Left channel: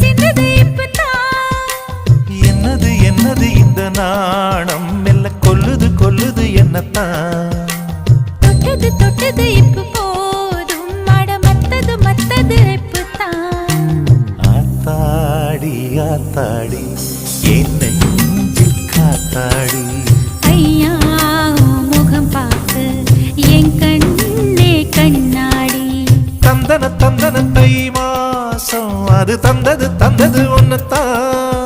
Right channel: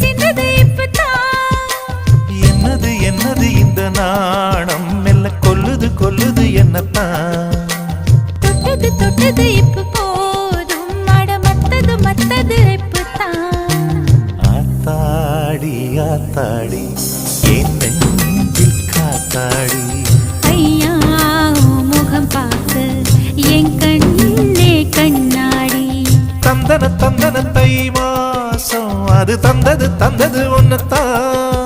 சிந்தது இப்பதான். என்னது என்னது இந்த நாணம் மெல்ல கொல்லுது கொல்லுது என்னத்தான். தொட்டது தொட்டது இப்ப போதும் அட மத்தது மத்தது இப்பதான். ஆத்தாடி ஆத்தாடி என் நெஞ்சில் காத்தாடி. ஐயா முகம் பார்த்து என் கண்ணே கண்ணாடி. தந்தன தந்தன தை மாசம் அது தந்தது தந்தது ஒன்னத்தான்.